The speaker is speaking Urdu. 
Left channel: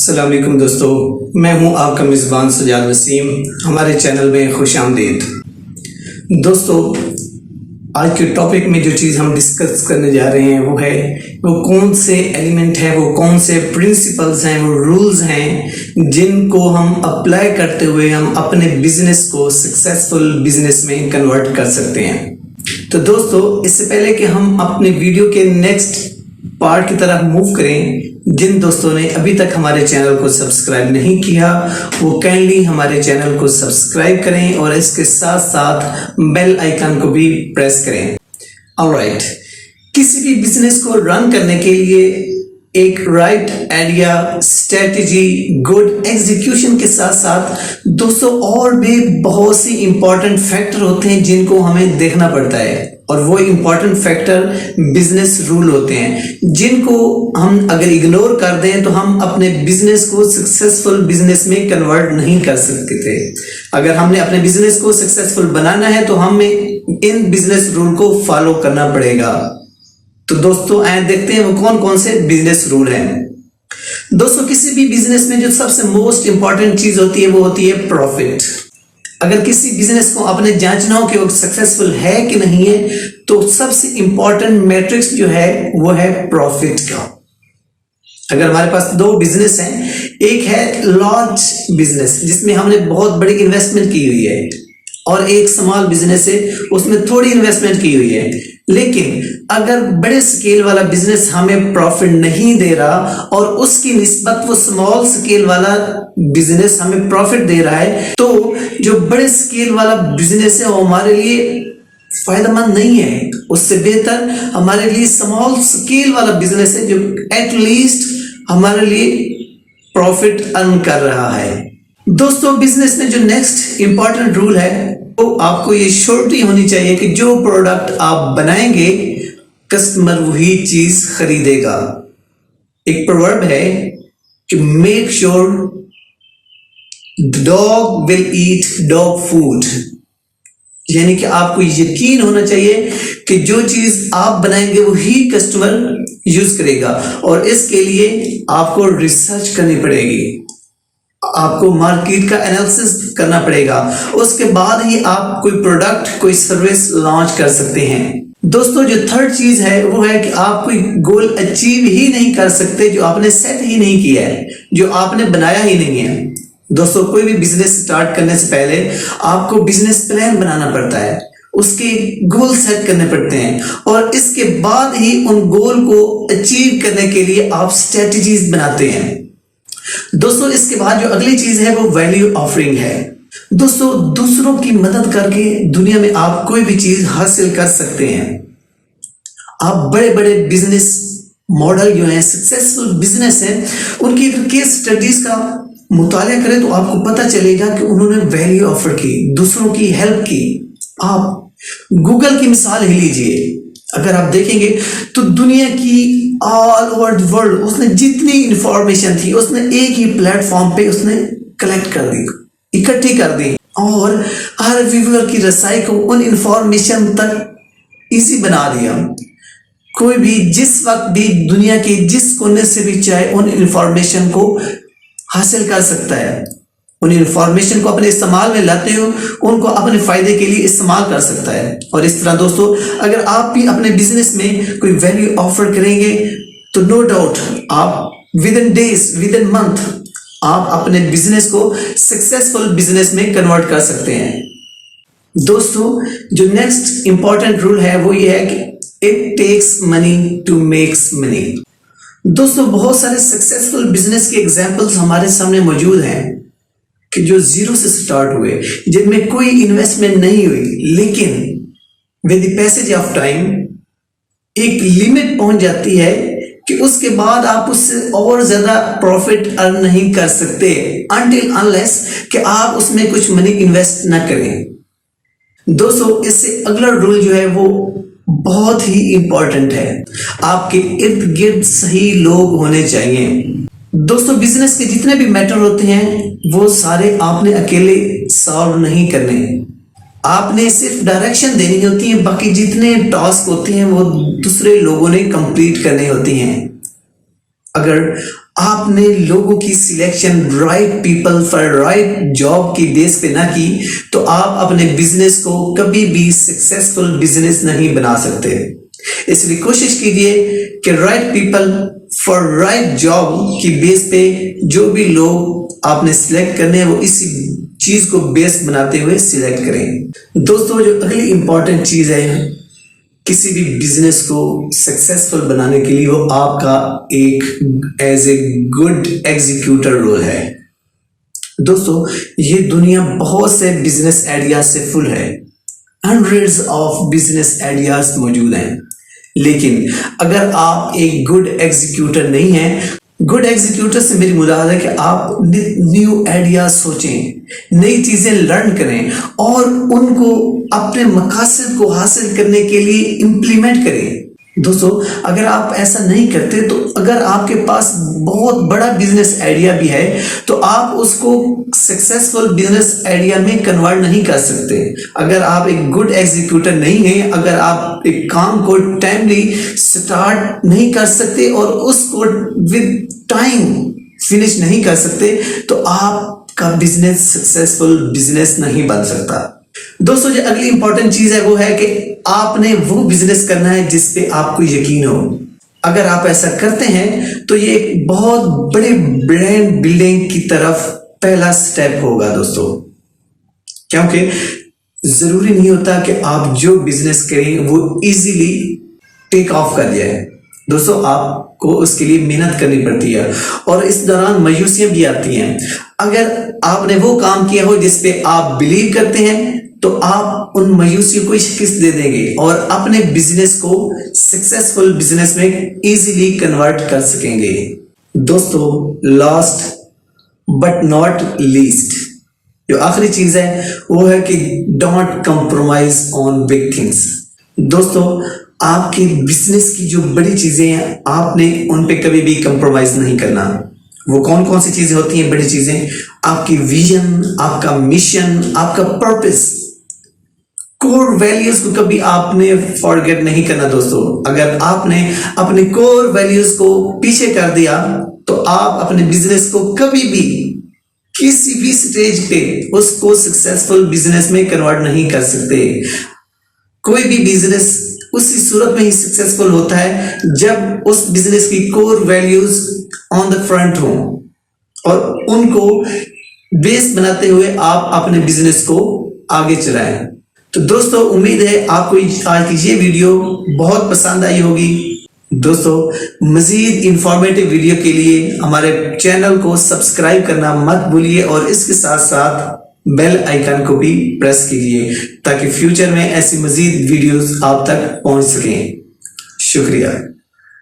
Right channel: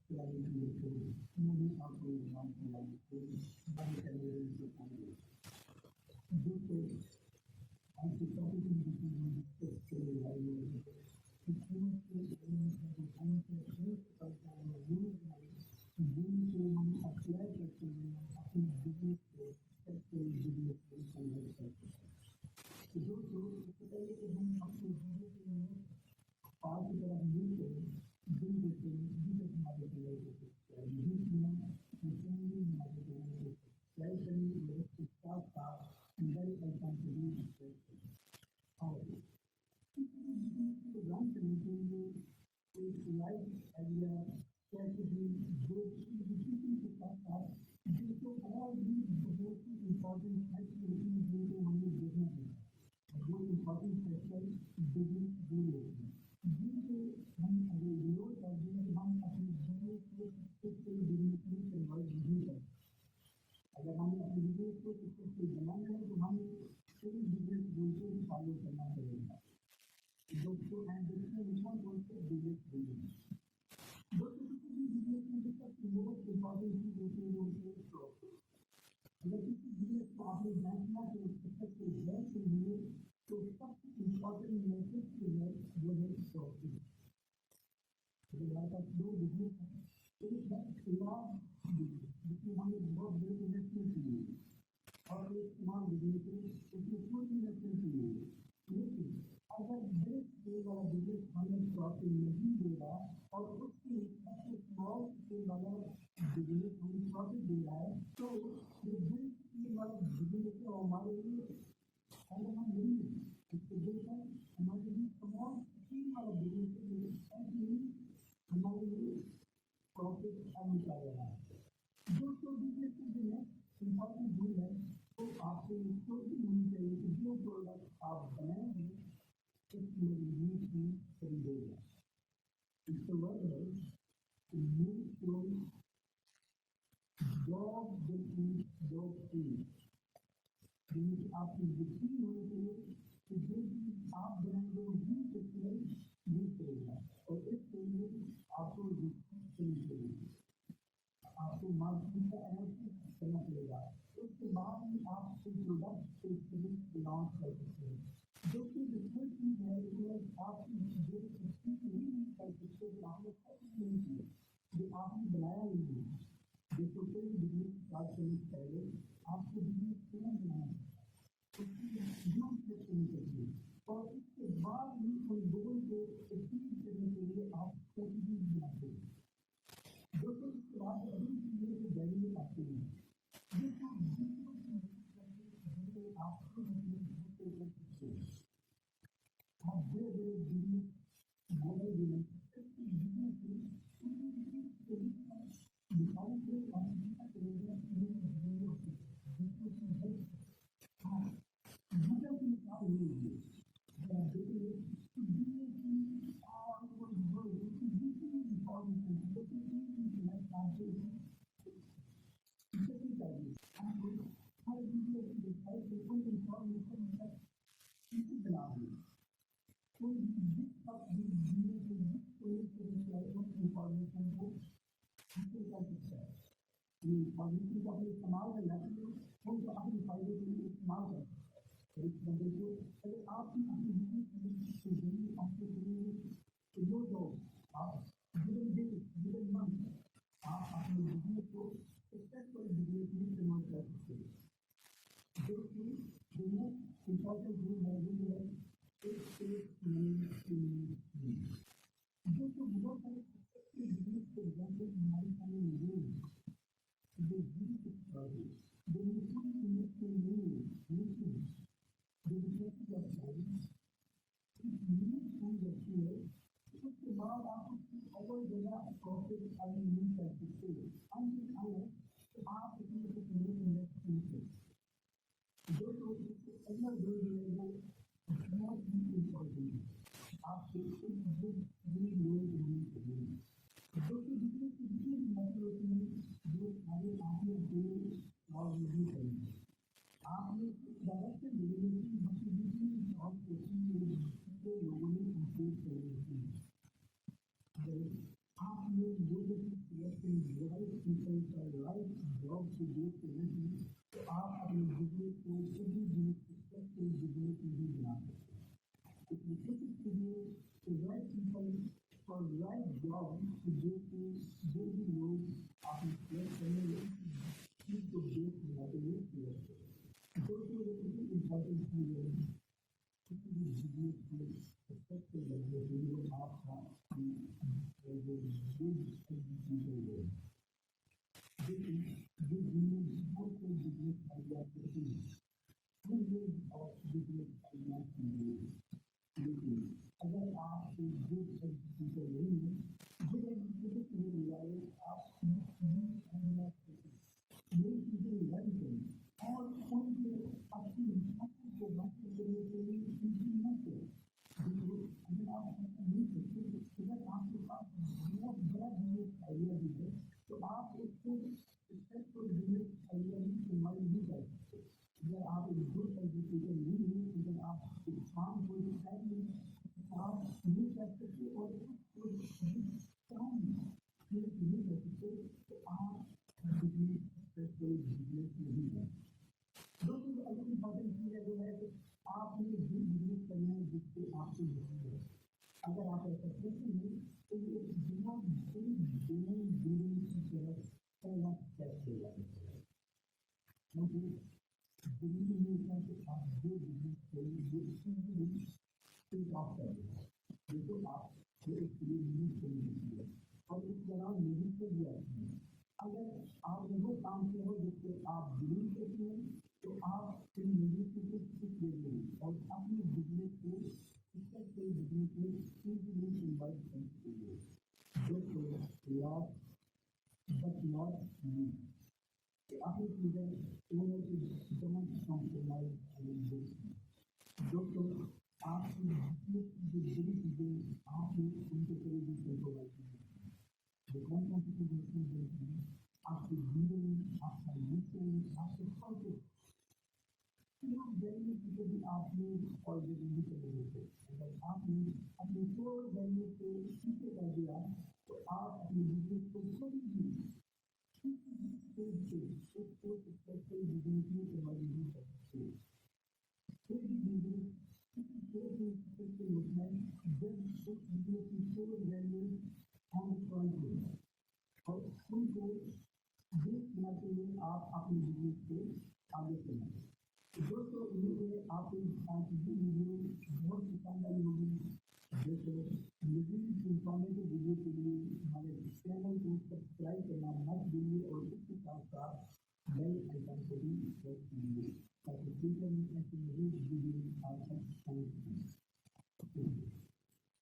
السلام علیکم دوستو، میں ہوں آپ کا میزبان سجاد وسیم۔ ہمارے چینل میں خوش آمدید۔ دوستو، آج کے ٹاپک میں جو چیز ہم ڈسکس کرنے جا رہے ہیں وہ کون سے ایلیمنٹ ہیں، وہ کون سے پرنسپلز ہیں، وہ رولز ہیں جن کو ہم اپلائی کرتے ہوئے ہم اپنے بزنس کو سکسیسفل بزنس میں کنورٹ کر سکتے ہیں۔ تو دوستو، اس سے پہلے کہ ہم اپنے ویڈیو کے نیکسٹ پارٹ کی طرف موو کریں، جن دوستوں نے ابھی تک ہمارے چینل کو سبسکرائب نہیں کیا وہ کائنڈلی ہمارے چینل کو سبسکرائب کریں اور اس کے ساتھ ساتھ بیل آئیکن کو بھی پریس کریں۔ آلرائٹ، کسی بھی بزنس کو رن کرنے کے لیے ایک right idea, strategy, good execution کے ساتھ ساتھ دوستو اور بھی بہت سی امپورٹنٹ فیکٹر ہوتے ہیں جن کو ہمیں دیکھنا پڑتا ہے، اور وہ امپورٹنٹ فیکٹر بزنس رول ہوتے ہیں جن کو ہم اگر اگنور کر دیں تو ہم اپنے بزنس کو سکسیسفل بزنس میں کنورٹ نہیں کر سکتے تھے۔ اگر ہم نے اپنے بزنس کو سکسیسفل بنانا ہے تو ہمیں ان بزنس رول کو فالو کرنا پڑے گا۔ تو دوستو آئیں دیکھتے ہیں وہ کون کون سے بزنس رول ہیں۔ دوستو، کسی بھی بزنس میں جو سب سے موسٹ امپورٹنٹ چیز ہوتی ہے وہ ہوتی ہے پروفٹ۔ اگر کسی بزنس کو آپ نے جانچنا ہو کہ وہ سکسیسفل ہے کہ نہیں ہے تو سب سے امپورٹنٹ میٹرکس جو ہے وہ ہے پروفٹ کا۔ اگر ہمارے پاس دو بزنس ہیں، ایک ہے لارج بزنس جس میں ہم نے بہت بڑی انویسٹمنٹ کی ہوئی ہے، اور ایک سمال بزنس ہے اس میں تھوڑی انویسٹمنٹ کی ہوئی ہے، لیکن اگر بڑے سکیل والا بزنس ہمیں پروفٹ نہیں دے رہا اور اس کی نسبت وہ سمال سکیل والا بزنس ہمیں پروفٹ دے رہا ہے تو جو بڑے سکیل والا بزنس ہے وہ ہمارے لیے فائدہ مند نہیں ہے۔ اس سے بہتر ہمارے لیے سمال سکیل والا بزنس ہے جو ایٹ لیسٹ ہمارے لیے پروفٹ ارن کر رہا ہے۔ دوستو، بزنس میں جو نیکسٹ امپورٹنٹ رول ہے وہ آپ کو یہ شورٹی ہونی چاہیے کہ جو پروڈکٹ آپ بنائیں گے کسٹمر وہی چیز خریدے گا۔ ایک پروورب ہے کہ make sure dog will eat dog food, یعنی کہ آپ کو یقین ہونا چاہیے کہ جو چیز آپ بنائیں گے وہی کسٹمر یوز کرے گا، اور اس کے لیے آپ کو ریسرچ کرنی پڑے گی، آپ کو مارکیٹ کا انالیسس کرنا پڑے گا، اس کے بعد ہی آپ کوئی پروڈکٹ کوئی سروس لانچ کر سکتے ہیں۔ دوستو، جو تھرڈ چیز ہے وہ ہے کہ آپ کوئی گول اچیو ہی نہیں کر سکتے جو آپ نے سیٹ ہی نہیں کیا ہے، جو آپ نے بنایا ہی نہیں ہے۔ دوستو، کوئی بھی بزنس سٹارٹ کرنے سے پہلے آپ کو بزنس پلان بنانا پڑتا ہے، اس کے گول سیٹ کرنے پڑتے ہیں، اور اس کے بعد ہی ان گول کو اچیو کرنے کے لیے آپ سٹریٹجیز بناتے ہیں۔ دوستو، اس کے بعد جو اگلی چیز ہے وہ ویلیو آفرنگ ہے۔ دوستو، دوسروں کی مدد کر کے دنیا میں آپ کوئی بھی چیز حاصل کر سکتے ہیں۔ آپ بڑے بڑے بزنس ماڈل جو ہیں، سکسیسفل بزنس ہیں، ان کی اگر کیس اسٹڈیز کا مطالعہ کریں تو آپ کو پتہ چلے گا کہ انہوں نے ویلیو آفر کی، دوسروں کی ہیلپ کی۔ آپ گوگل کی مثال ہی لیجئے، اگر آپ دیکھیں گے تو دنیا کی آل اوور دی ورلڈ اس نے جتنی انفارمیشن تھی اس نے ایک ہی پلیٹ فارم پہ اس نے کلیکٹ کر دی، اکٹھی کر دی، اور ہر ویور کی رسائی کو ان انفارمیشن تک ایزی بنا دیا۔ کوئی بھی جس وقت بھی دنیا کے جس کونے سے بھی چاہے ان انفارمیشن کو حاصل کر سکتا ہے، ان انفارمیشن کو اپنے استعمال میں لاتے ہو ان کو اپنے فائدے کے لیے استعمال کر سکتا ہے۔ اور اس طرح دوستو، اگر آپ بھی اپنے بزنس میں کوئی ویلیو آفر کریں گے تو نو ڈاؤٹ آپ within days, within month آپ اپنے بزنس کو سکسیسفل بزنس میں کنورٹ کر سکتے ہیں۔ دوستو، جو نیکسٹ امپورٹنٹ رول ہے وہ یہ ہے کہ it takes money to make money. دوستو، بہت سارے سکسیسفل بزنس کے ایگزامپلز ہمارے سامنے موجود ہیں کہ جو زیرو سے سٹارٹ ہوئے، جن میں کوئی انویسٹمنٹ نہیں ہوئی، لیکن with the passage of time ایک لمٹ پہنچ جاتی ہے کہ اس کے بعد آپ اس سے اور زیادہ پروفٹ ارن نہیں کر سکتے until unless کہ آپ اس میں کچھ منی انویسٹ نہ کریں۔ دوستو، اس سے اگلا رول جو ہے وہ بہت ہی امپورٹنٹ ہے، آپ کے ارد گرد صحیح لوگ ہونے چاہیے۔ دوستو، بزنس کے جتنے بھی میٹر ہوتے ہیں وہ سارے آپ نے اکیلے سالو نہیں کرنے، آپ نے صرف ڈائریکشن دینی ہوتی ہے، باقی جتنے ٹاسک ہوتے ہیں وہ دوسرے لوگوں نے کمپلیٹ کرنے ہوتی ہیں۔ اگر آپ نے لوگوں کی selection right people for right job کی بیس پہ نہ کی تو آپ اپنے بزنس کو کبھی بھی سکسیسفل بزنس نہیں بنا سکتے. اس لیے کوشش کیجیے کہ right people for right job کی بیس پہ جو بھی لوگ آپ نے سلیکٹ کرنے ہیں وہ اسی چیز کو بیس بناتے ہوئے سلیکٹ کریں. دوستو جو اگلی امپورٹنٹ چیز ہے کسی بھی بزنس کو سکسیسفل بنانے کے لیے وہ آپ کا ایک ایز اے گڈ ایگزیکیوٹر رول ہے. دوستو یہ دنیا بہت سے بزنس آئیڈیاز سے فل ہے, ہنڈریڈز آف بزنس آئیڈیاز موجود ہیں, لیکن اگر آپ ایک گڈ ایگزیکیوٹر نہیں ہیں, گڈ ایگزیکیوٹر سے میری مراد ہے کہ آپ نیو آئیڈیاز سوچیں, نئی چیزیں لرن کریں اور ان کو اپنے مقاصد کو حاصل کرنے کے لیے امپلیمنٹ کریں. دوستو اگر آپ ایسا نہیں کرتے تو اگر آپ کے پاس بہت بڑا بزنس آئیڈیا بھی ہے تو آپ اس کو سکسیسفل بزنس آئیڈیا میں کنورٹ نہیں کر سکتے. اگر آپ ایک گڈ ایگزیکیوٹر نہیں ہیں, اگر آپ ایک کام کو ٹائملی سٹارٹ نہیں کر سکتے اور اس کو ود ٹائم فنش نہیں کر سکتے تو آپ کا بزنس سکسیسفل بزنس نہیں بن سکتا. دوستو جو اگلی امپورٹنٹ چیز ہے وہ ہے کہ آپ نے وہ بزنس کرنا ہے جس پہ آپ کو یقین ہو. اگر آپ ایسا کرتے ہیں تو یہ ایک بہت بڑے برانڈ بلڈنگ کی طرف پہلا سٹیپ ہوگا دوستو, کیونکہ ضروری نہیں ہوتا کہ آپ جو بزنس کریں وہ ایزیلی ٹیک آف کر جائے. دوستو آپ کو اس کے لیے محنت کرنی پڑتی ہے اور اس دوران مایوسیاں بھی آتی ہیں. اگر آپ نے وہ کام کیا ہو جس پہ آپ بلیو کرتے ہیں تو آپ ان مایوسیوں کو شکست دے دیں گے اور اپنے بزنس کو سکسیسفل بزنس میں ایزیلی کنورٹ کر سکیں گے. دوستو لاسٹ بٹ ناٹ لیسٹ جو آخری چیز ہے وہ ہے کہ don't compromise on big things. دوستو آپ کی بزنس کی جو بڑی چیزیں ہیں آپ نے ان پہ کبھی بھی کمپرومائز نہیں کرنا. وہ کون کون سی چیزیں ہوتی ہیں بڑی چیزیں؟ آپ کی ویژن, آپ کا مشن, آپ کا پرپس, کور ویلیوز کو کبھی آپ نے فارگیٹ نہیں کرنا. دوستو اگر آپ نے اپنے کور ویلیوز کو پیچھے کر دیا تو آپ اپنے بزنس کو کبھی بھی کسی بھی سٹیج پہ اس کو سکسیسفل بزنس میں کنورٹ نہیں کر سکتے. کوئی بھی بزنس اسی صورت میں ہی سکسیسفل ہوتا ہے جب اس بزنس کی کور ویلیوز آن دا فرنٹ ہوں اور ان کو بیس بناتے ہوئے آپ اپنے بزنس کو آگے چلائیں. تو دوستو امید ہے آپ کو آج کی یہ ویڈیو بہت پسند آئی ہوگی. دوستو مزید انفارمیٹیو ویڈیو کے لیے ہمارے چینل کو سبسکرائب کرنا مت بھولیے اور اس کے ساتھ ساتھ بیل آئیکن کو بھی پریس کیجیے تاکہ فیوچر میں ایسی مزید ویڈیوز آپ تک پہنچ سکیں. شکریہ.